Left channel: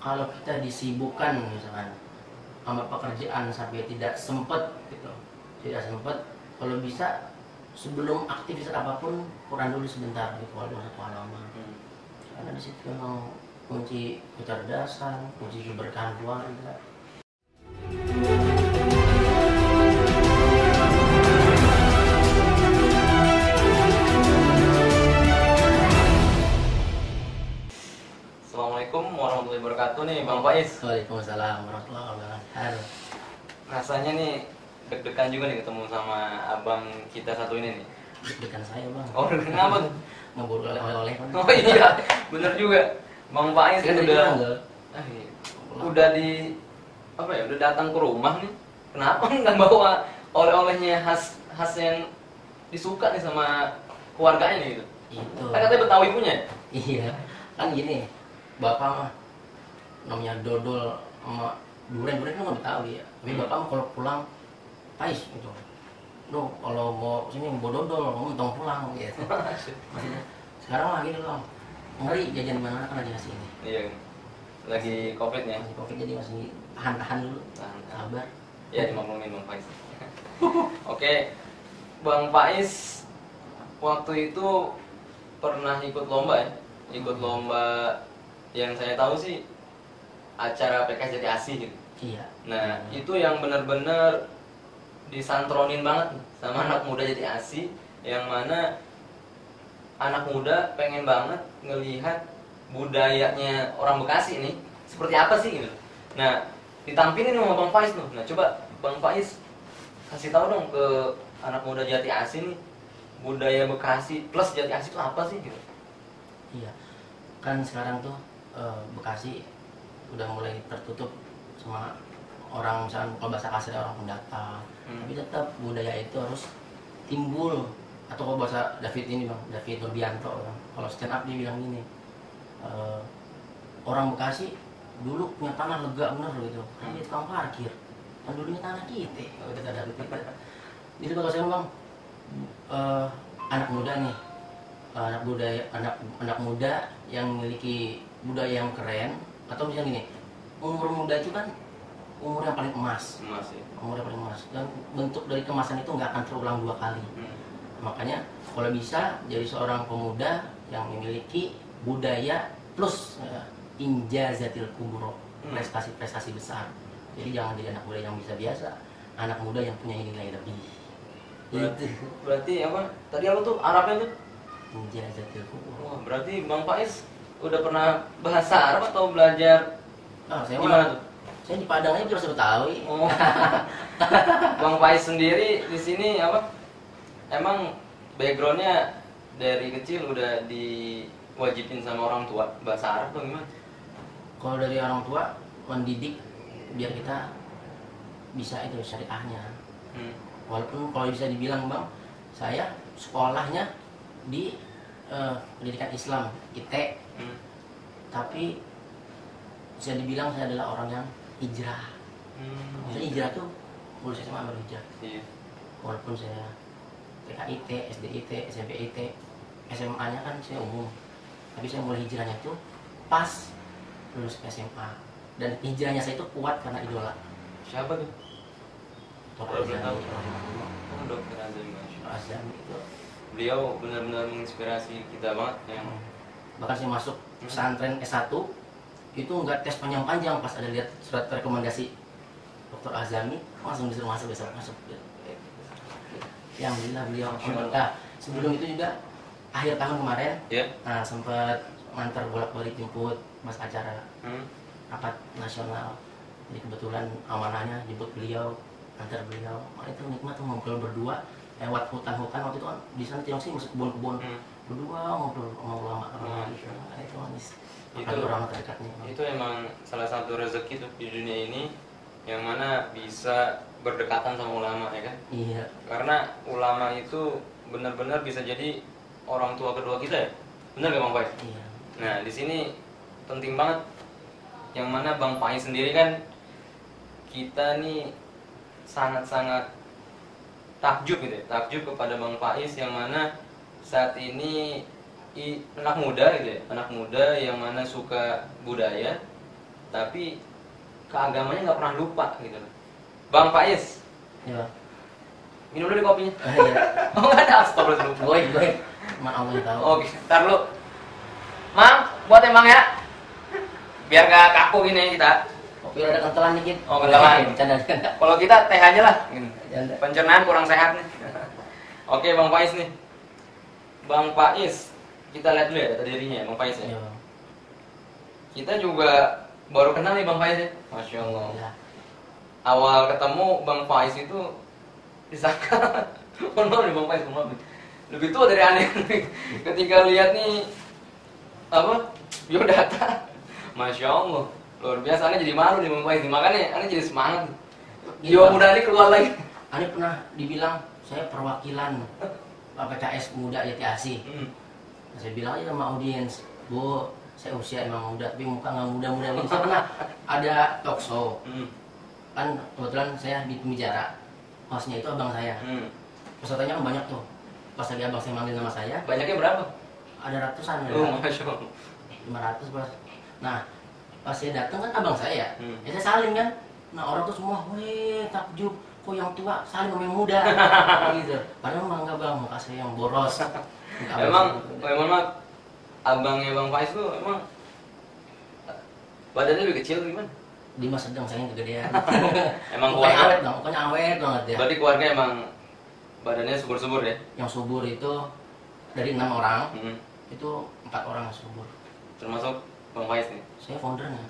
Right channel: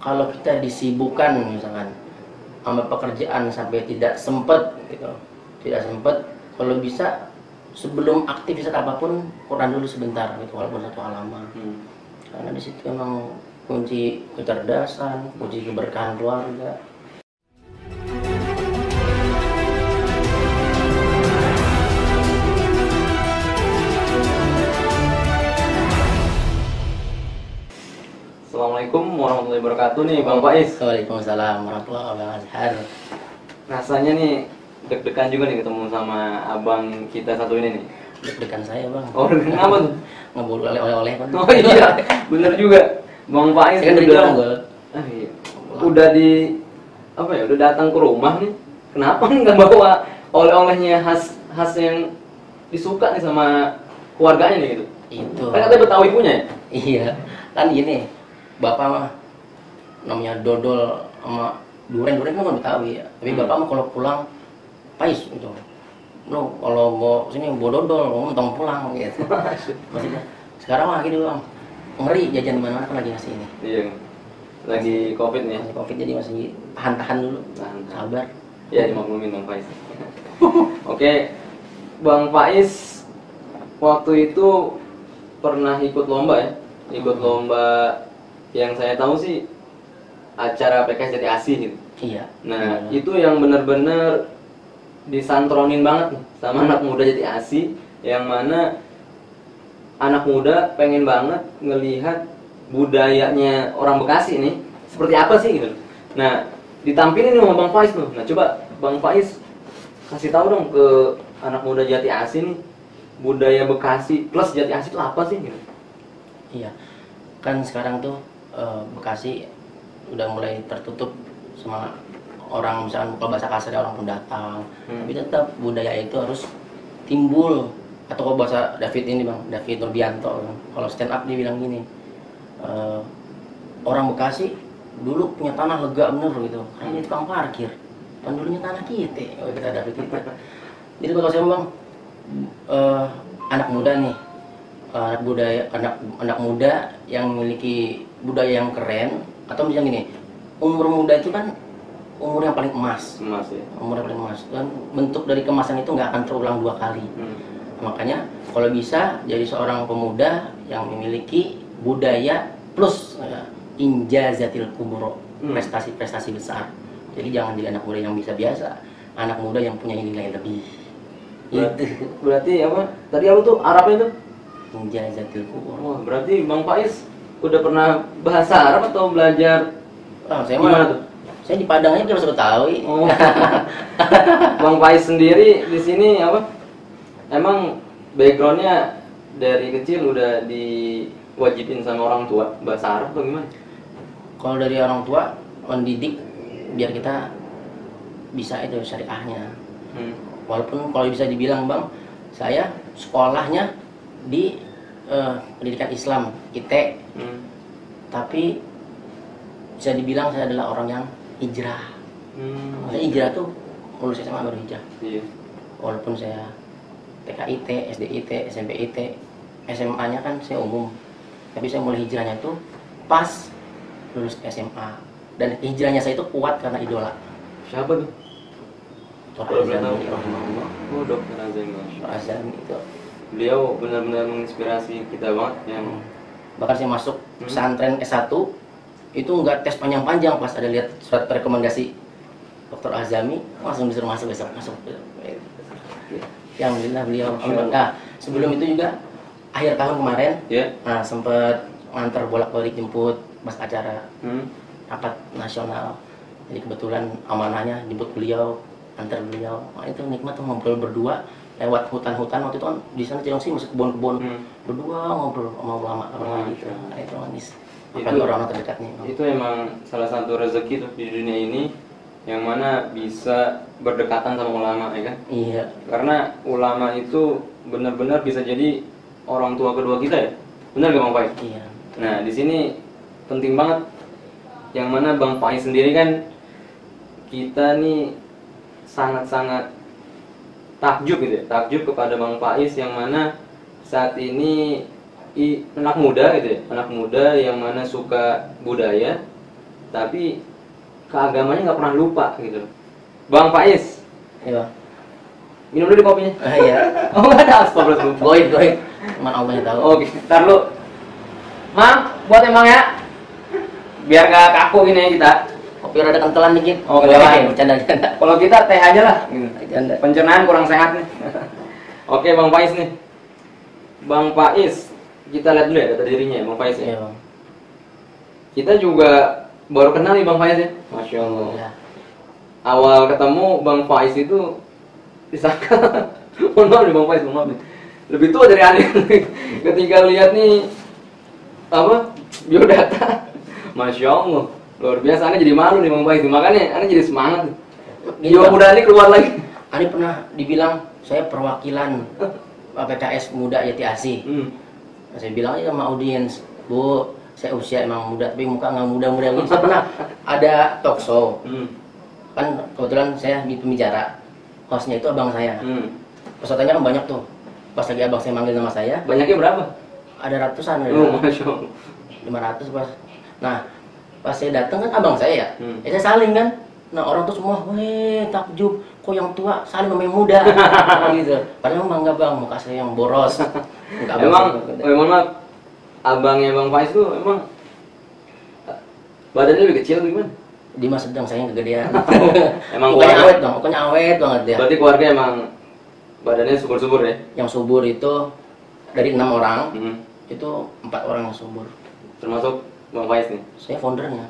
kalau kita disibukkan misalkan sama pekerjaan sampai tidak sempat gitu, tidak sempat, kalau bisa sebelum aktivitas apapun Quran dulu sebentar gitu, walaupun satu halaman. Karena di situ memang kunci kecerdasan, kunci keberkahan keluarga. Assalamualaikum warahmatullahi wabarakatuh nih Bang Faiz. Waalaikumsalam warahmatullahi wabarakatuh. Rasanya nih deg-degan juga nih ketemu sama abang kita satu ini nih. Deg-degan saya bang. Oh, kenapa tuh? Nggak boleh oleh-oleh kan? Oh iya, bener juga. Bang Faiz Kan udah, udah iya. Udah di apa ya? Udah datang ke rumah nih. Kenapa nggak bawa oleh-olehnya khas yang disuka nih sama keluarganya nih gitu? itu. Kan katanya Betawi punya ya? Iya, kan gini, bapak mah namanya dodol sama durian kan nggak Betawi ya. Tapi bapak mah kalau pulang pais gitu. Lo kalau mau sini mau dodol, mau mentong pulang gitu. Maksudnya sekarang mah gitu bang, ngeri jajan mana kan lagi ngasih ini. Iya. Lagi Covid nih. Masih covid jadi masih tahan dulu. Tahan. Sabar. Ya, dimaklumin Bang Faiz. Oke, Bang Faiz waktu itu pernah ikut lomba ya? Ikut lomba yang saya tahu sih acara PKS Jati Asih gitu. Iya. Nah, itu yang benar-benar disantronin banget nih sama anak muda Jati Asih, yang mana anak muda pengen banget ngelihat budayanya orang Bekasi ini seperti apa sih gitu. Nah, ditampilin nih sama Bang Faiz tuh. Nah, coba Bang Faiz kasih tahu dong ke anak muda Jati Asih nih, budaya Bekasi plus Jati Asih itu apa sih gitu. Iya. Kan sekarang tuh Bekasi udah mulai tertutup sama orang, misalkan kalau bahasa kasar orang pendatang. Tapi tetap budaya itu harus timbul. Atau kalau bahasa David ini bang, David Nurbianto bang. Kalau stand up dia bilang gini, orang Bekasi dulu punya tanah lega bener gitu, kayak dia tukang parkir. Dan dulunya tanah kita, kita David kita. Jadi kalau saya bang, anak muda nih, anak muda yang memiliki budaya yang keren, atau misalnya gini, umur muda itu kan umur yang paling emas Ya. umur yang paling emas, dan bentuk dari kemasan itu nggak akan terulang dua kali. Makanya kalau bisa jadi seorang pemuda yang memiliki budaya plus injazatil kubro, prestasi-prestasi besar. Jadi jangan jadi anak muda yang bisa biasa, anak muda yang punya nilai lebih. Berarti apa? Tadi apa tuh Arabnya tuh? Injazatil kubro. Wah, berarti Bang Faiz udah pernah bahasa Arab atau belajar Saya gimana mah, tuh? saya di Padang aja udah suruh tahu. Oh. Bang Faiz sendiri di sini apa? Emang backgroundnya dari kecil udah diwajibin sama orang tua bahasa Arab atau gimana? Kalau dari orang tua mendidik biar kita bisa itu syariahnya. Walaupun kalau bisa dibilang bang, saya sekolahnya di pendidikan Islam IT, tapi bisa dibilang saya adalah orang yang hijrah. Saya hijrah tuh lulus SMA baru hijrah. Iya. Walaupun saya TK IT, SD IT, SMP IT, SMA-nya kan saya umum, tapi saya mulai hijrahnya tuh pas lulus SMA. Dan hijrahnya saya itu kuat karena idola. Siapa tuh? Dr. Azami rahimahullah. Oh, Dr. Azami. Dr. Azami itu. Beliau benar-benar menginspirasi kita banget yang Bahkan saya masuk pesantren S1 itu nggak tes panjang-panjang, pas ada lihat surat rekomendasi Dr. Azami langsung disuruh masuk. Ya alhamdulillah beliau. Nah, sebelum itu juga akhir tahun kemarin, nah, sempat ngantar bolak-balik jemput pas acara rapat nasional. Jadi kebetulan amanahnya jemput beliau, antar beliau. Nah, itu nikmat tuh ngobrol berdua lewat hutan-hutan. Waktu itu kan di sana Cilengsi masuk kebun-kebun, berdua ngobrol sama ulama gitu. Nah, itu manis. Apalagi orang terdekatnya. Itu emang salah satu rezeki tuh di dunia ini, yang mana bisa berdekatan sama ulama, ya kan? Iya. Karena ulama itu benar-benar bisa jadi orang tua kedua kita ya. Benar gak Bang Faiz? Iya. Nah, di sini penting banget, yang mana Bang Faiz sendiri kan kita nih sangat-sangat takjub gitu ya, takjub kepada Bang Faiz yang mana saat ini anak muda gitu ya, anak muda yang mana suka budaya, tapi keagamanya nggak pernah lupa gitu. Bang Faiz, Iya. minum dulu kopinya. Iya. Oh nggak ada, astagfirullah. Goib. Cuman Allah yang tahu. Oke, ntar lu. Mang, buat emang ya. Biar gak kaku gini ya kita. Kopi rada kentelan dikit. Oh, kentelan. Bercanda. Kalau kita teh aja lah. Bercanda. Pencernaan kurang sehat nih. Oke, Bang Faiz nih. Bang Faiz, kita lihat dulu ya data dirinya ya, Bang Faiz ya. Iya, Bang. Kita juga baru kenal nih Bang Faiz ya. Masya Allah. Iya. Awal ketemu Bang Faiz itu disangka, mohon maaf nih Bang Faiz, mohon maaf nih. Lebih tua dari Ane. Ketika lihat nih apa biodata, Masya Allah, luar biasa. Ane jadi malu nih Bang Faiz, makanya Ane jadi semangat. Jiwa muda ini keluar lagi. Ane pernah dibilang saya perwakilan PKS Muda Jati Asih. Saya bilang aja sama audiens, Bu, saya usia emang muda, tapi muka nggak muda-muda gitu. Saya pernah ada talk show, kan kebetulan saya di pembicara, hostnya itu abang saya. Pesertanya kan banyak tuh. Pas lagi abang saya manggil nama saya, Banyaknya berapa? ada ratusan, ada Masya Allah. 500 pas. Nah, pas saya datang kan abang saya ya, saya saling kan. Nah orang tuh semua, weh takjub, kok yang tua saling sama yang muda, gitu. Padahal emang enggak bang, muka saya yang boros. Memang lah, abangnya Bang Faiz tuh emang badannya lebih kecil gimana? Dimas sedang, saya yang kegedean. Emang mukanya keluarga- awet dong, mukanya awet banget ya. Berarti keluarga emang badannya subur-subur ya? Yang subur itu dari 6 orang, Hmm. itu 4 orang yang subur. Termasuk Bang Faiz nih. Saya foundernya.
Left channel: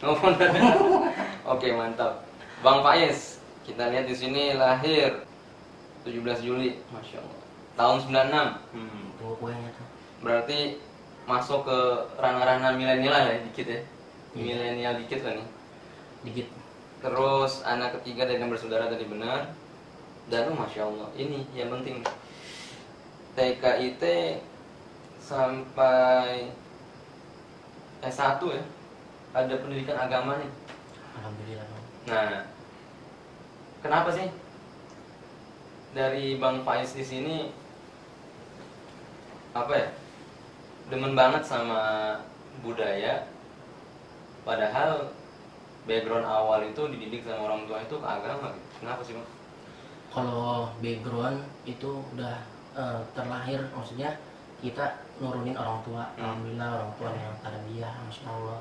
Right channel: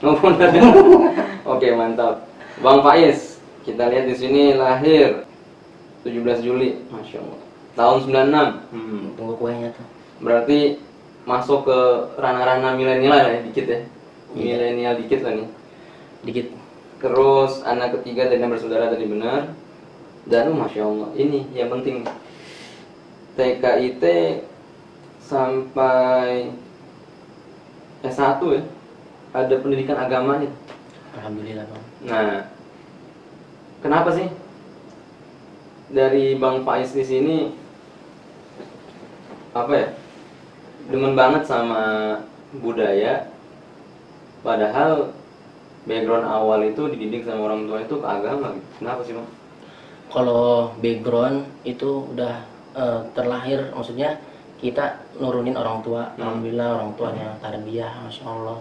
Oke, mantap. Bang Faiz, kita lihat di sini lahir 17 Juli, Masya Allah. Tahun 96. Tunggu kuenya tuh. Berarti masuk ke ranah-ranah milenial ya, dikit ya. Iya. Milenial dikit kan ya. Dikit. Terus anak ketiga dan yang bersaudara tadi benar. Dan Masya Allah, ini yang penting TKIT sampai S1 ya. Ada pendidikan agama nih. Alhamdulillah bang. Nah, kenapa sih dari Bang Faiz di sini apa ya, demen banget sama budaya, padahal background awal itu dididik sama orang tua itu ke agama gitu. Kenapa sih Bang? Kalau background itu udah terlahir, maksudnya kita nurunin orang tua. Alhamdulillah orang tuanya tarbiyah, masya Allah.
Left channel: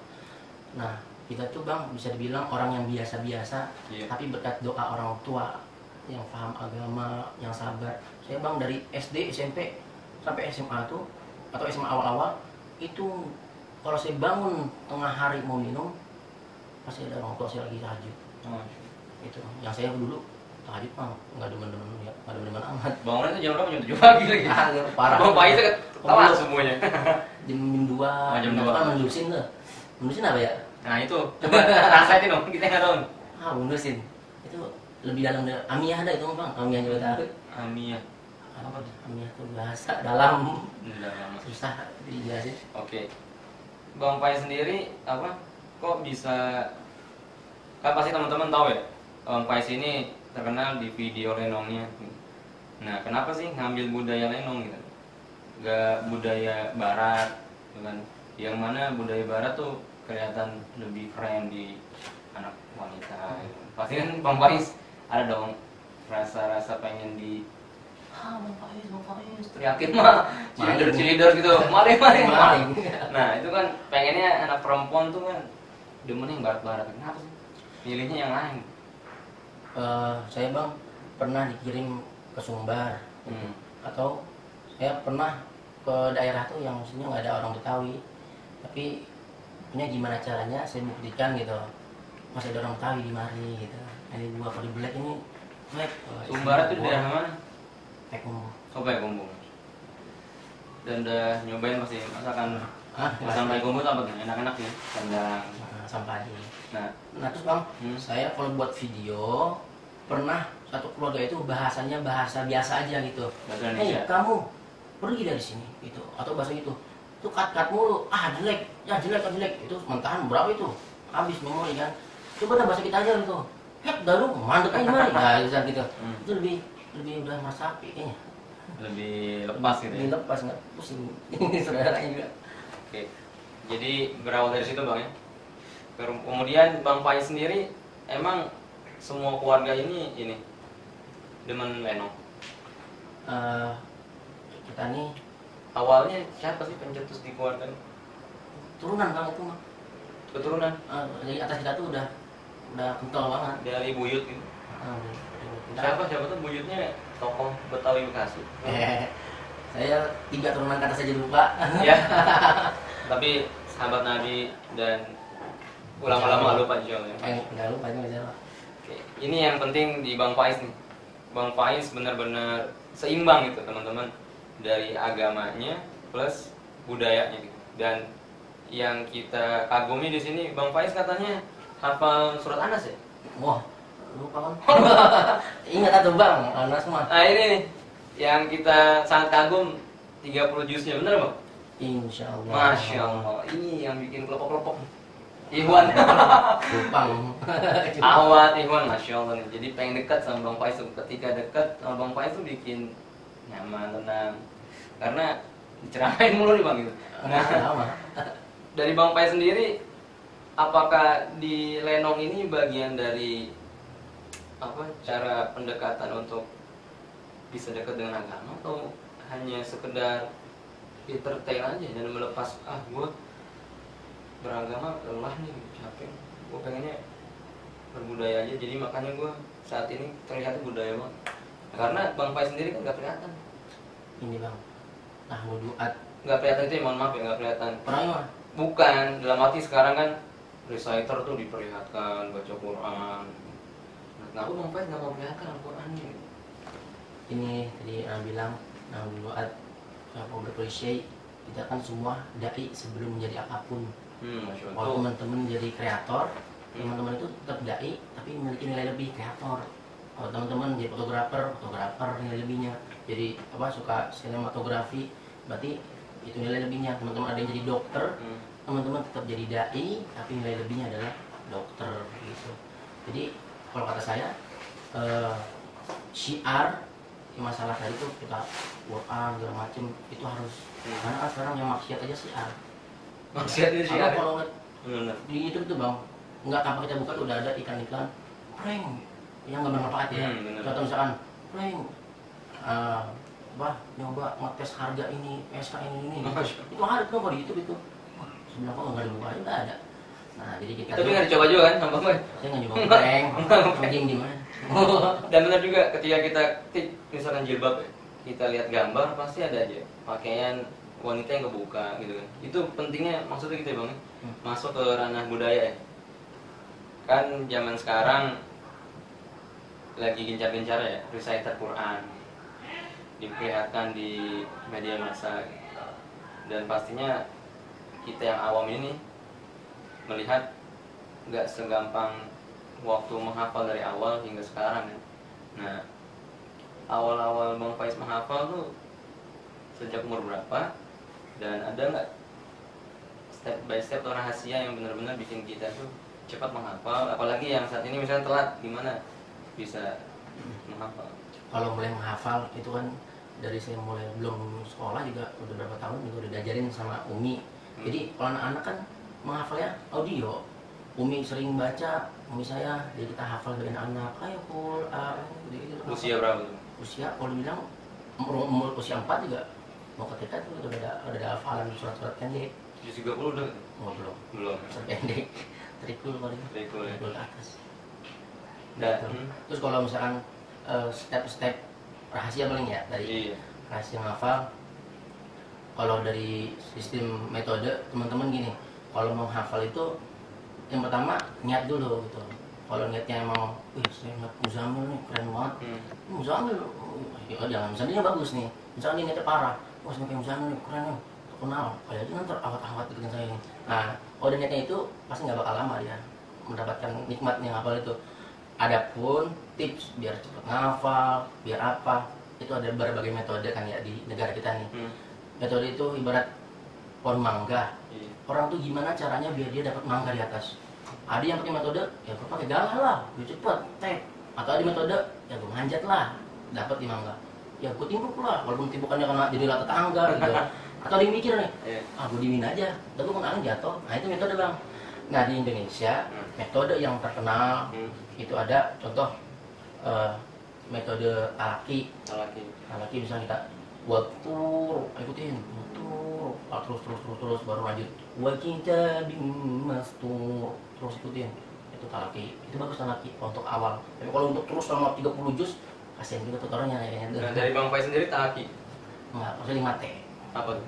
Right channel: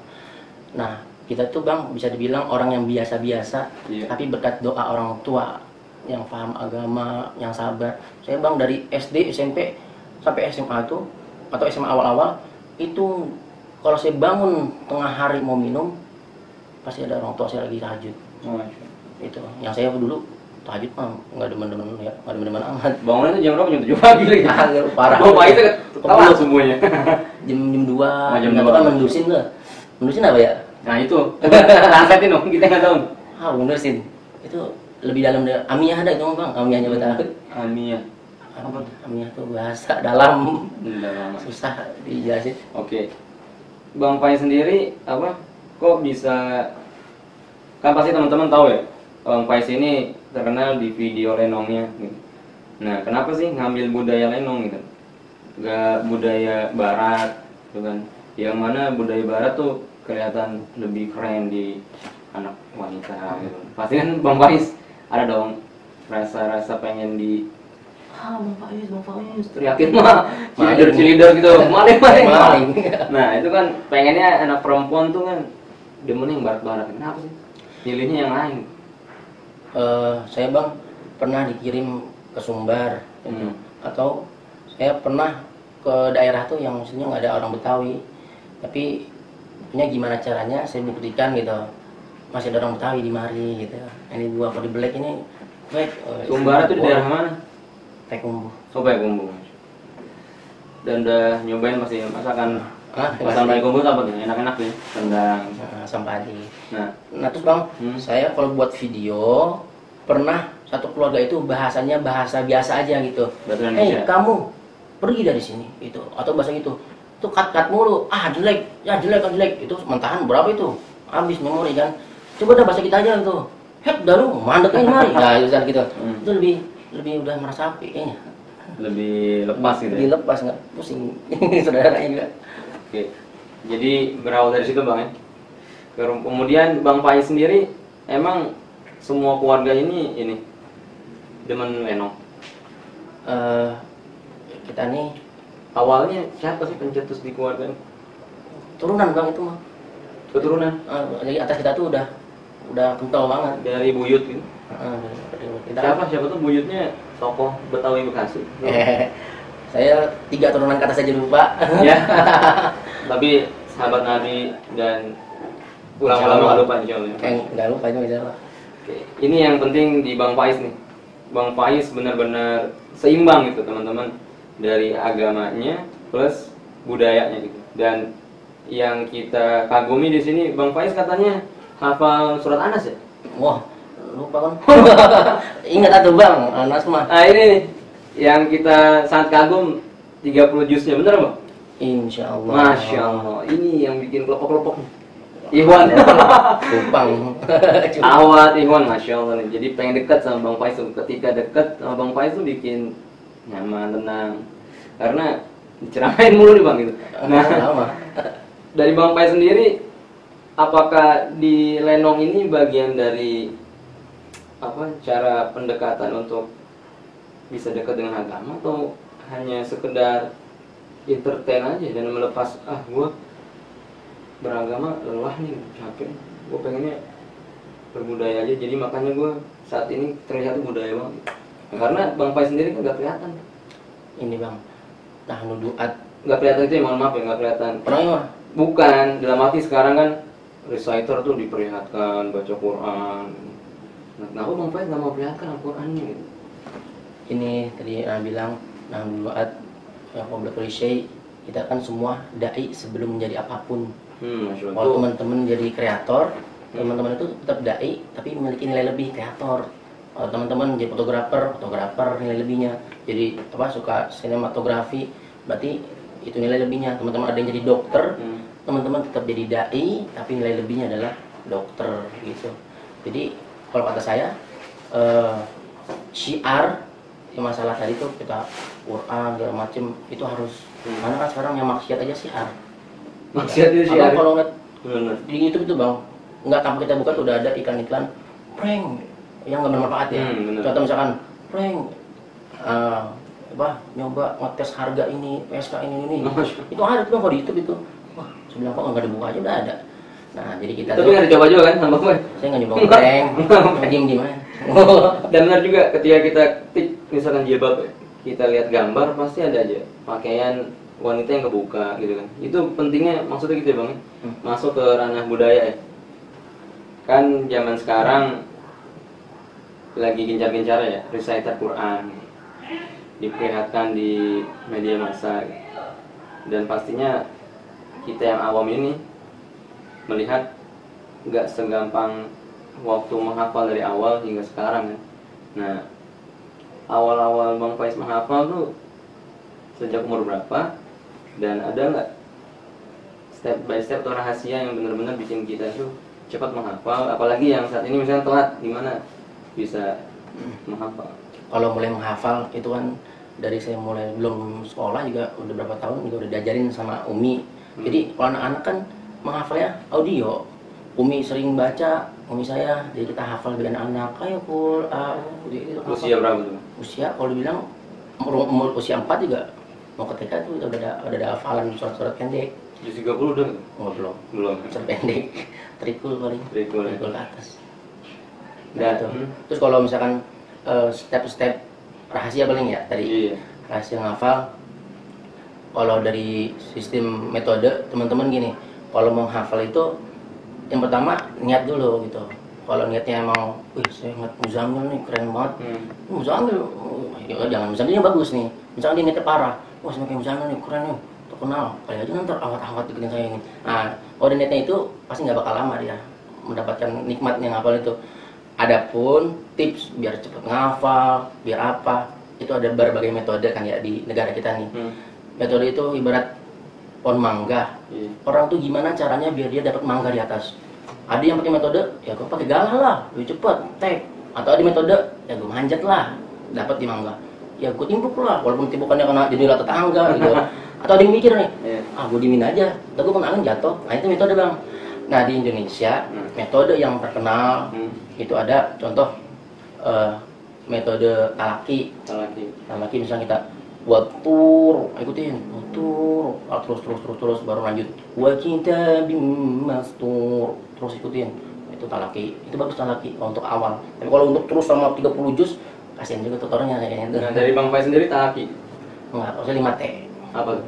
Nah kita tuh bang bisa dibilang orang yang biasa-biasa, tapi berkat doa orang tua yang paham agama, yang sabar. Saya bang dari SD, SMP sampai SMA tuh atau SMA awal-awal itu kalau saya bangun tengah hari mau minum pasti ada orang tua saya lagi tahajud. Itu yang saya dulu tahajud mah nggak demen-demen ya, nggak demen-demen amat. Bangunnya tuh jam berapa? Jam 7 pagi lagi. Parah. Bang Faiz itu kalah semuanya. Jam 2. Jam Nggak 2. tahu kan mendusin tuh. Mendusin apa ya? Nah itu, translatein dong, kita nggak tahu. Mendusin. Itu lebih dalam dari Amiyah ada itu bang. Amiyahnya betul. Amiyah. Apa? Amiyah tuh bahasa dalam. Dalam. Susah dijelasin. Oke. Bang Faiz sendiri apa? Kok bisa? Kan pasti teman-teman tahu ya. Bang Faiz ini terkenal di video lenongnya. Gitu. Nah, kenapa sih ngambil budaya lenong gitu? Gak budaya barat, gitu kan? Yang mana budaya barat tuh kelihatan lebih keren di anak wanita. Gitu. Pasti kan Bang Faiz ada dong rasa-rasa pengen di Bang Faiz, teriakin mah, cheerleader gitu, maling. Nah itu kan pengennya anak perempuan tuh kan demennya yang barat-barat. Kenapa sih? Pilihnya yang lain. Saya bang pernah dikirim ke Sumbar, atau saya pernah ke daerah tuh yang maksudnya nggak ada orang Betawi, tapi punya gimana caranya saya buktikan gitu masih ada orang Betawi di mari gitu. Ini gua kalau di Black ini baik. Sumbar itu di daerah mana? Tekumbu. Kumbu. Dan udah nyobain pasti masakan Masakan Kumbu tuh apa tuh? Enak-enak sih. Rendang. Sampadi. Nah Terus bang, saya kalau buat video pernah satu keluarga itu bahasanya bahasa biasa aja gitu. bahasa Hei Indonesia. kamu pergi dari sini gitu, atau bahasa gitu. Itu cut mulu, jelek, itu mentahan berapa itu? Habis memori kan. Coba dah bahasa kita aja gitu. Hek daru, mandek ini mari. Nah itu gitu. Itu lebih udah meresapi kayaknya. Lebih lepas gitu ya? Lebih lepas nggak pusing saudaranya juga. Oke. Jadi berawal dari situ Bang ya? Kemudian Bang Faiz sendiri emang semua keluarga ini demen lenong. Kita nih awalnya siapa sih pencetus di keluarga? Turunan Bang itu mah. Keturunan. Jadi atas kita tuh udah kental banget dari buyut gitu. Kita Siapa tuh buyutnya tokoh Betawi Bekasi. Saya 3 turunan ke atas aja lupa. Ya. Tapi sahabat Nabi dan ulama-ulama lupa insyaallah. Enggak lupa itu insyaallah. Oke. Ini yang penting di Bang Faiz nih. Bang Faiz benar-benar seimbang gitu teman-teman, dari agamanya plus budayanya gitu. Dan yang kita kagumi di sini Bang Faiz katanya hafal surat Anas ya? Wah, lupa kan. Ingat atuh Bang, Anas mah. Nah ini nih, yang kita sangat kagum 30 juznya, bener Bang? Insyaallah. Masya Allah, ini yang bikin kelopak-kelopak. Ikhwan. Kupang. Awat Ikhwan, Masya Allah nih. Jadi pengen dekat sama Bang Faiz tuh. Ketika dekat sama Bang Faiz tuh bikin nyaman, tenang. Karena diceramain mulu nih Bang gitu. Nah, dari Bang Faiz sendiri, apakah di Lenong ini bagian dari cara pendekatan untuk bisa dekat dengan agama, atau hanya sekedar entertain aja dan melepas gue beragama lelah nih, capek, gue pengennya berbudaya aja, jadi makanya gue saat ini terlihat budaya banget. Nah, karena Bang Faiz sendiri kan gak kelihatan ini Bang, tahun duat gak kelihatan itu ya, mohon maaf ya, gak kelihatan. pernah ya? Bukan, dalam arti sekarang kan reciter tuh diperlihatkan baca Quran. Nah, kenapa Bang Faiz gak mau perlihatkan Al-Qurannya gitu? Ini tadi bilang tahun duat yang ngobrol klise, kita kan semua dai sebelum menjadi apapun. Kalau teman-teman jadi kreator, teman-teman itu tetap dai tapi memiliki nilai lebih kreator. Kalau teman-teman jadi fotografer nilai lebihnya. Jadi suka sinematografi, berarti itu nilai lebihnya. Teman-teman ada yang jadi dokter, teman-teman tetap jadi dai tapi nilai lebihnya adalah dokter gitu. Jadi kalau kata saya syiar yang masalah tadi tuh kita Quran segala macem itu harus, karena kan sekarang yang maksiat aja syiar. Maksiat itu syiar. Kalau ngeliat di YouTube itu Bang, nggak tanpa kita buka udah ada iklan-iklan prank yang nggak bermanfaat ya. Contoh misalkan prank nyoba ngetes harga ini PSK ini itu ada tuh kalau di YouTube itu. Wah, sebelah kok nggak dibuka aja udah ada. Nah jadi kita tapi nggak dicoba juga kan Bang Faiz? Saya nggak nyoba prank, diem aja. Dan benar juga ketika kita misalkan jilbab ya, kita lihat gambar pasti ada aja pakaian wanita yang kebuka gitu kan. Itu pentingnya maksudnya gitu ya Bang, masuk ke ranah budaya ya. Kan zaman sekarang lagi gencar-gencar ya reciter Quran, diperlihatkan di media massa gitu. Dan pastinya kita yang awam ini melihat nggak segampang waktu menghafal dari awal hingga sekarang ya. Nah, awal-awal Bang Faiz menghafal tuh sejak umur berapa? Dan ada nggak step by step atau rahasia yang benar-benar bikin kita tuh cepat menghafal? Apalagi yang saat ini misalnya telat, gimana bisa menghafal? Kalau mulai menghafal itu kan dari saya mulai belum sekolah juga udah berapa tahun juga udah diajarin sama Umi. Jadi kalau anak-anak kan menghafalnya audio. Umi sering baca, Umi saya, jadi kita hafal dengan anak. Ayo Kul, usia berapa tuh? Usia kalau dibilang umur usia 4 juga mau ke TK tuh udah ada hafalan surat-surat pendek. Juz 30 udah? Oh belum. Surat pendek, trikul paling. Trikul ke atas. Nah, terus kalau misalkan step-step rahasia paling ya tadi. Iya. Rahasia menghafal. Kalau dari sistem metode teman-teman gini, kalau mau hafal itu yang pertama niat dulu gitu. Kalau niatnya emang, saya ingat Muzamil nih keren banget. Muzamil, ya jangan Muzamilnya bagus nih. Misalkan dia niatnya parah, wah sama kayak Muzamil nih keren nih, terkenal. Kayak aja nanti awat-awat deketin saya ini. Nah, kalau niatnya itu pasti nggak bakal lama dia mendapatkan nikmatnya ngapal itu. Adapun tips biar cepat ngafal, biar apa, itu ada berbagai metode kan ya di negara kita nih. Metode itu ibarat pohon mangga. Orang tuh gimana caranya biar dia dapat mangga di atas? Ada yang pakai metode, ya gue pakai galah lah, lebih cepet, tag. Atau ada metode, ya gue manjat lah, dapat di mangga. Ya gue timpuk lah, walaupun timpukannya kena jadi rata tangga gitu. Atau ada yang mikir nih, gue dimin aja, atau gue pengen jatuh. Nah itu metode Bang. Nah di Indonesia metode yang terkenal itu ada contoh metode talaki. Talaki misalnya kita buat tur, ikutin tur, terus baru lanjut wa kitabim mastur, terus ikutin itu talaki. Itu bagus talaki untuk awal. Tapi kalau untuk terus sama 30 juz kasihan juga tutornya kayaknya. Nah dari Bang Faiz sendiri talaki enggak, maksudnya 5T. apa tuh?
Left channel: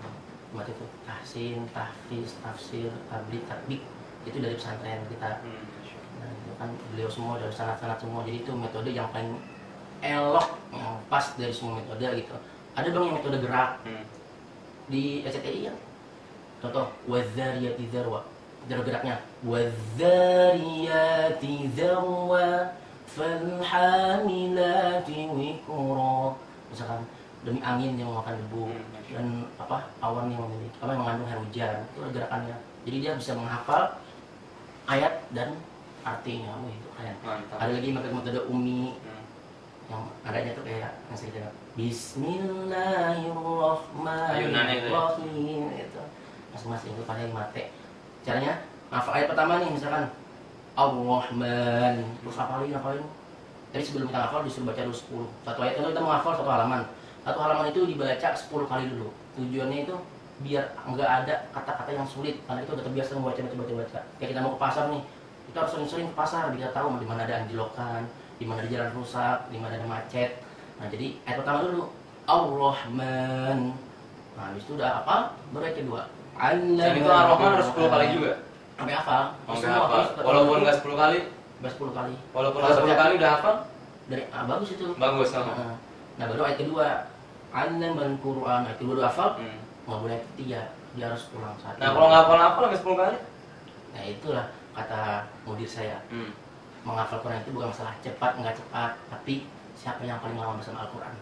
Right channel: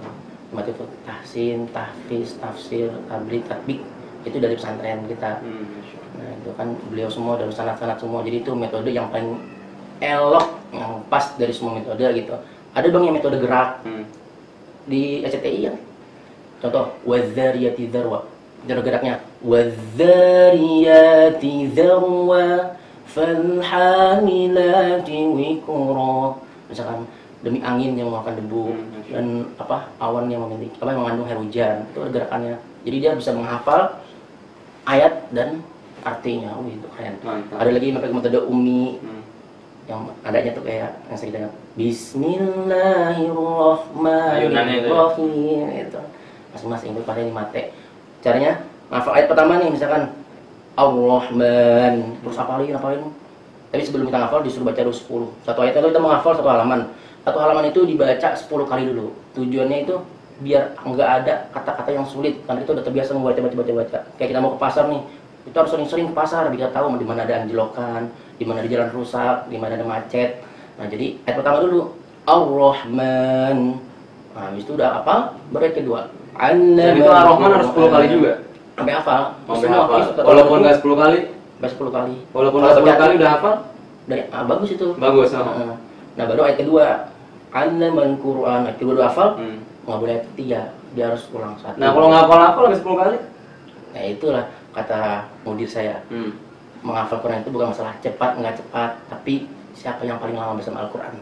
5T itu tahsin, tahfiz, tafsir, tabrik, tatbik. Itu dari pesantren kita. Nah itu kan beliau semua dari sanad-sanad semua, jadi itu metode yang paling elok, yang pas dari semua metode gitu. Ada dong yang metode gerak di SCTI ya. Contoh wadzariyati dzarwa. Cara geraknya wadzariyati dzarwa falhamilati wiqra. Misalkan demi angin yang mengeluarkan debu dan awan yang memiliki mengandung air hujan, itu gerakannya. Jadi dia bisa menghafal ayat dan artinya. Itu keren. Ada lagi metode ummi yang adanya tuh kayak yang saya dengar Bismillahirrahmanirrahim itu masing-masing itu pada 5T. Caranya hafal ayat pertama nih, misalkan Ar-Rahman, terus hafalin. Tapi sebelum kita hafal disuruh baca dulu 10. Satu ayat itu kita menghafal satu halaman. Satu halaman itu dibaca 10 kali dulu. Tujuannya itu biar nggak ada kata-kata yang sulit, karena itu udah terbiasa membaca. Kayak kita mau ke pasar nih, itu harus sering-sering ke pasar biar tahu di mana ada anjlokan, di mana ada jalan rusak, di mana ada macet. Nah, jadi ayat pertama dulu Ar-Rahman. Nah, habis itu udah hafal, baru ayat kedua. Jadi itu Ar-Rahman harus 10 kali juga. Sampai hafal. Walaupun nggak 10 kali? Sampai 10 kali. Walaupun nggak 10 kali udah hafal? Bagus itu. Bagus. Nah, baru ayat kedua. Allamal Qur'an. Ayat kedua udah hafal. Nggak boleh ayat ketiga. Dia harus ulang satu. Nah, kalau nggak hafal sampai 10 kali? Nah, itulah kata mudir saya. Menghafal Quran itu bukan masalah cepat nggak cepat, tapi siapa yang paling lama bersama Al-Quran.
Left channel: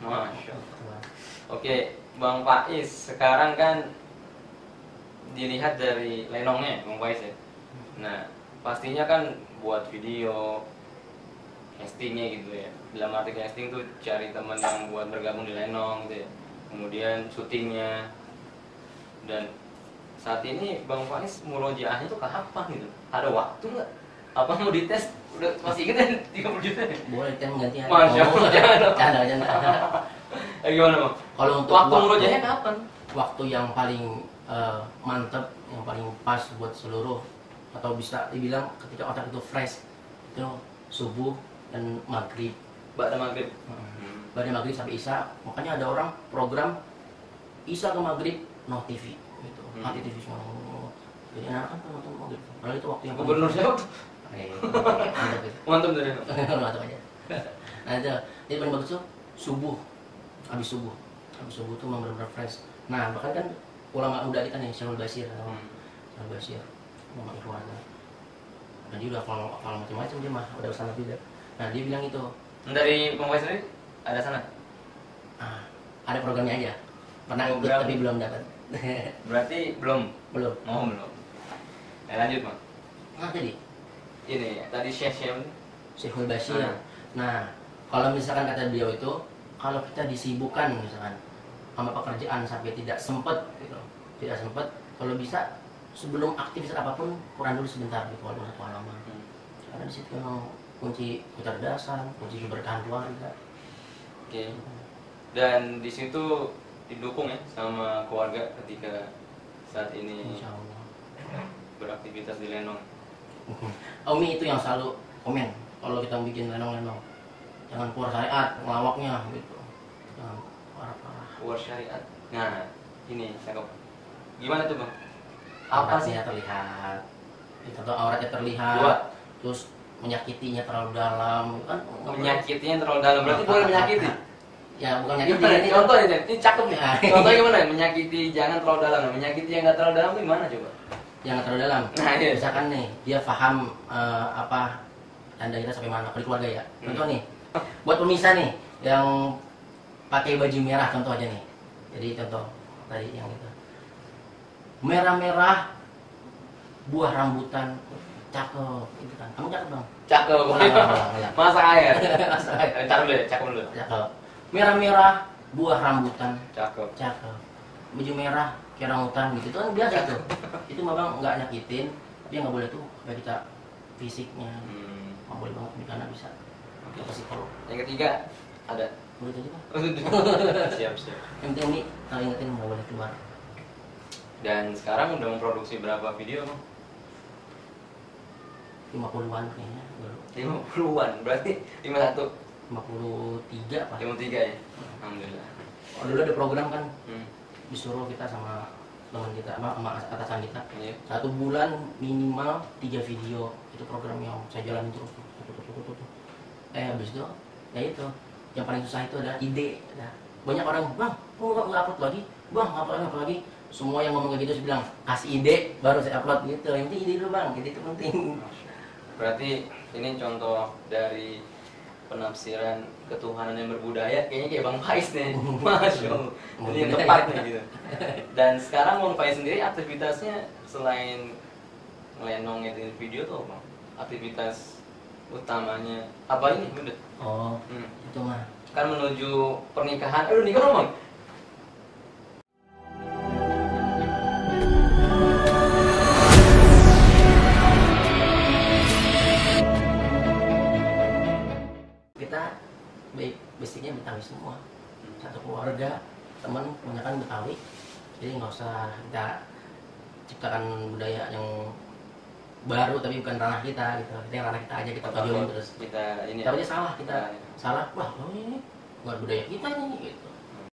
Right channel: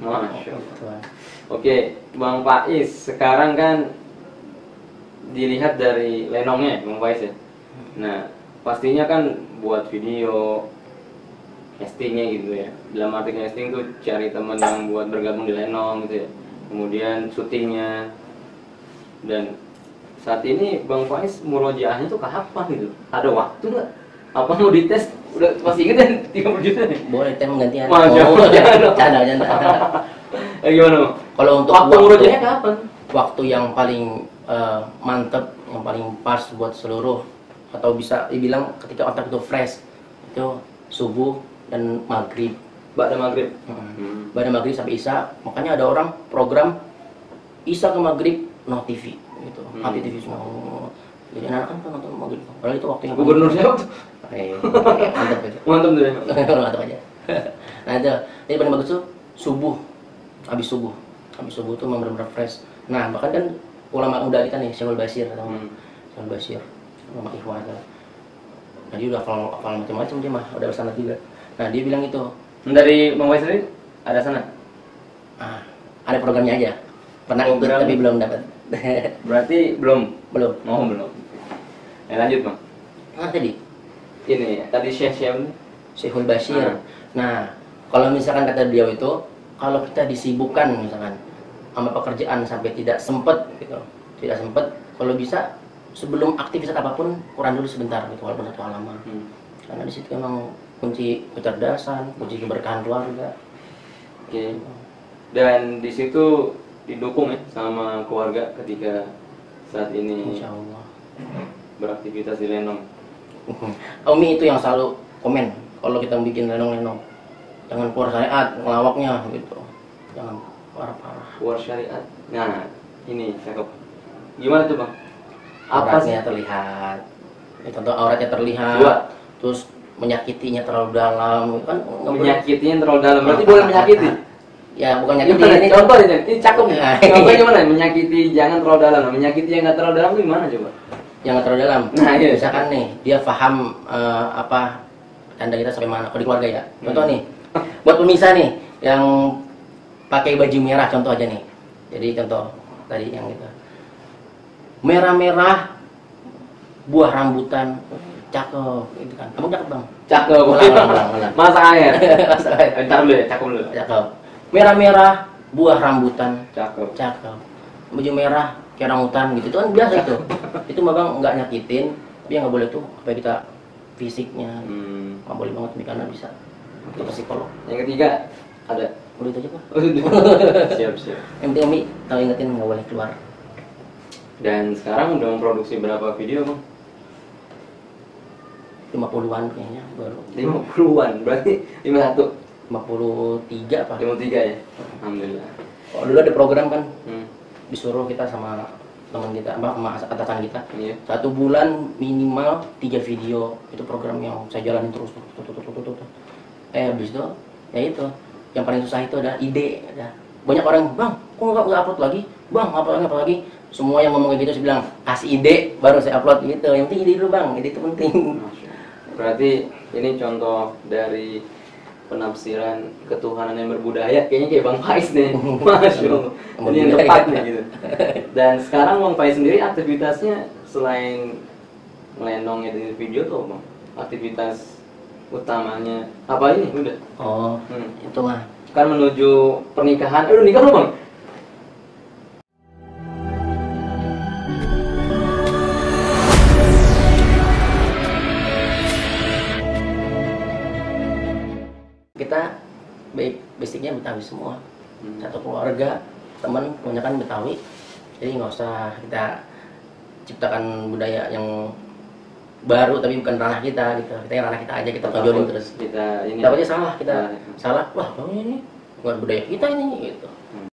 Oke, Bang Faiz, sekarang kan dilihat dari lenongnya, Bang Faiz ya. Nah, pastinya kan buat video castingnya gitu ya. Dalam arti casting tuh cari teman yang buat bergabung di lenong gitu ya. Kemudian syutingnya. Dan saat ini Bang Faiz murojaahnya tuh kapan gitu? Ada waktu nggak? Apa mau dites? Udah masih inget ya 30 juta nih? Boleh tem gantian. Canda. Gimana Bang? Kalau untuk waktu murojaahnya kapan? Waktu yang paling mantep, yang paling pas buat seluruh, atau bisa dibilang ketika otak itu fresh, itu subuh dan maghrib. Ba'da maghrib. Ba'da maghrib sampai isya. Makanya ada orang program isya ke maghrib no TV gitu. Mati TV semua. Jadi anak kan nonton maghrib. Padahal itu waktu yang gubernur siapa? Mantap tuh. Mantap aja. Nah itu, jadi paling bagus tuh subuh. Habis subuh itu memang benar-benar fresh. Nah bahkan kan ulama muda kita nih, Syekhul Basir, Syekhul Basir, Muhammad Ikhwan. Jadi udah hafal macam-macam dia mah, udah sanad juga. Nah dia bilang itu. Dari Bang Faiz sendiri ada sanad? Ada programnya aja. Pernah ikut tapi belum dapat. Berarti belum. Oh belum. Lanjut Bang. Tadi. Ini tadi Syekhul Basir. Nah kalau misalkan kata beliau itu, kalau kita disibukkan misalkan sama pekerjaan sampai tidak sempat gitu, kalau bisa sebelum aktivitas apapun Quran dulu sebentar gitu, walaupun satu halaman. Karena di situ memang kunci kecerdasan, kunci keberkahan keluarga. Oke. Dan di situ didukung ya sama keluarga ketika saat ini Insya Allah beraktivitas di lenong. Umi itu yang selalu komen kalau kita bikin lenong-lenong, jangan keluar syariat, ngelawaknya gitu, jangan parah-parah. Keluar syariat. Nah, ini cakep. Gimana tuh Bang? Apa sih terlihat? Ya, contoh auratnya terlihat. Terus menyakitinya terlalu dalam, kan? Menyakitinya terlalu dalam. Berarti boleh menyakiti? Ya, bukan menyakiti. Ini contohnya, ini cakep nih. Contohnya gimana? Menyakiti jangan terlalu dalam. Menyakiti yang nggak terlalu dalam itu gimana coba? Jangan terlalu dalam. Nah, iya. Misalkan nih, dia paham apa tanda kita sampai mana? Kalau di keluarga ya. Contoh nih, buat pemirsa nih yang pakai baju merah contoh aja nih. Jadi contoh tadi yang itu. Merah-merah buah rambutan cakep gitu kan. Kamu cakep Bang? Cakep. Masak air. Entar dulu ya, cakep dulu. Cakep. Merah-merah buah rambutan cakep. Baju merah kayak rambutan gitu. Itu kan biasa itu. Itu Bang nggak nyakitin, Dia nggak boleh tuh apa kita fisiknya, nggak boleh banget nih karena bisa ke psikolog. Yang ketiga ada. Udah itu aja Pak. Siap siap. MTMI tahu ingetin nggak boleh keluar. Dan sekarang udah memproduksi berapa video Bang? 50-an kayaknya baru. 50-an, berarti 51. 53 Pak. 53 ya? Alhamdulillah. Oh, dulu ada program kan, disuruh kita sama teman kita, sama atasan kita, 1 bulan minimal 3 video. Itu program yang saya jalanin terus. Habis itu, ya itu, yang paling susah itu ada ide. Banyak orang, bang, kok nggak upload lagi? Bang, upload lagi? Semua yang ngomong kayak gitu, saya bilang, kasih ide, baru saya upload gitu. Yang penting ide dulu bang, ide itu penting. Berarti ini contoh dari penafsiran ketuhanan yang berbudaya, kayaknya kayak Bang Faiz deh. Masya Allah, ini yang tepat nih gitu. Dan sekarang Bang Faiz sendiri aktivitasnya selain ngelendong editing video tuh Bang, aktivitas utamanya apa ini udah? Oh, itu mah kan menuju pernikahan. Aduh, nikah belum Bang? kita basicnya Betawi semua, satu keluarga, teman kebanyakan Betawi, jadi nggak usah kita ciptakan budaya yang baru tapi bukan ranah kita gitu. Kita yang ranah kita aja, kita tonjolin terus. Kita ini takutnya salah, kita salah, wah ini bukan budaya kita ini gitu.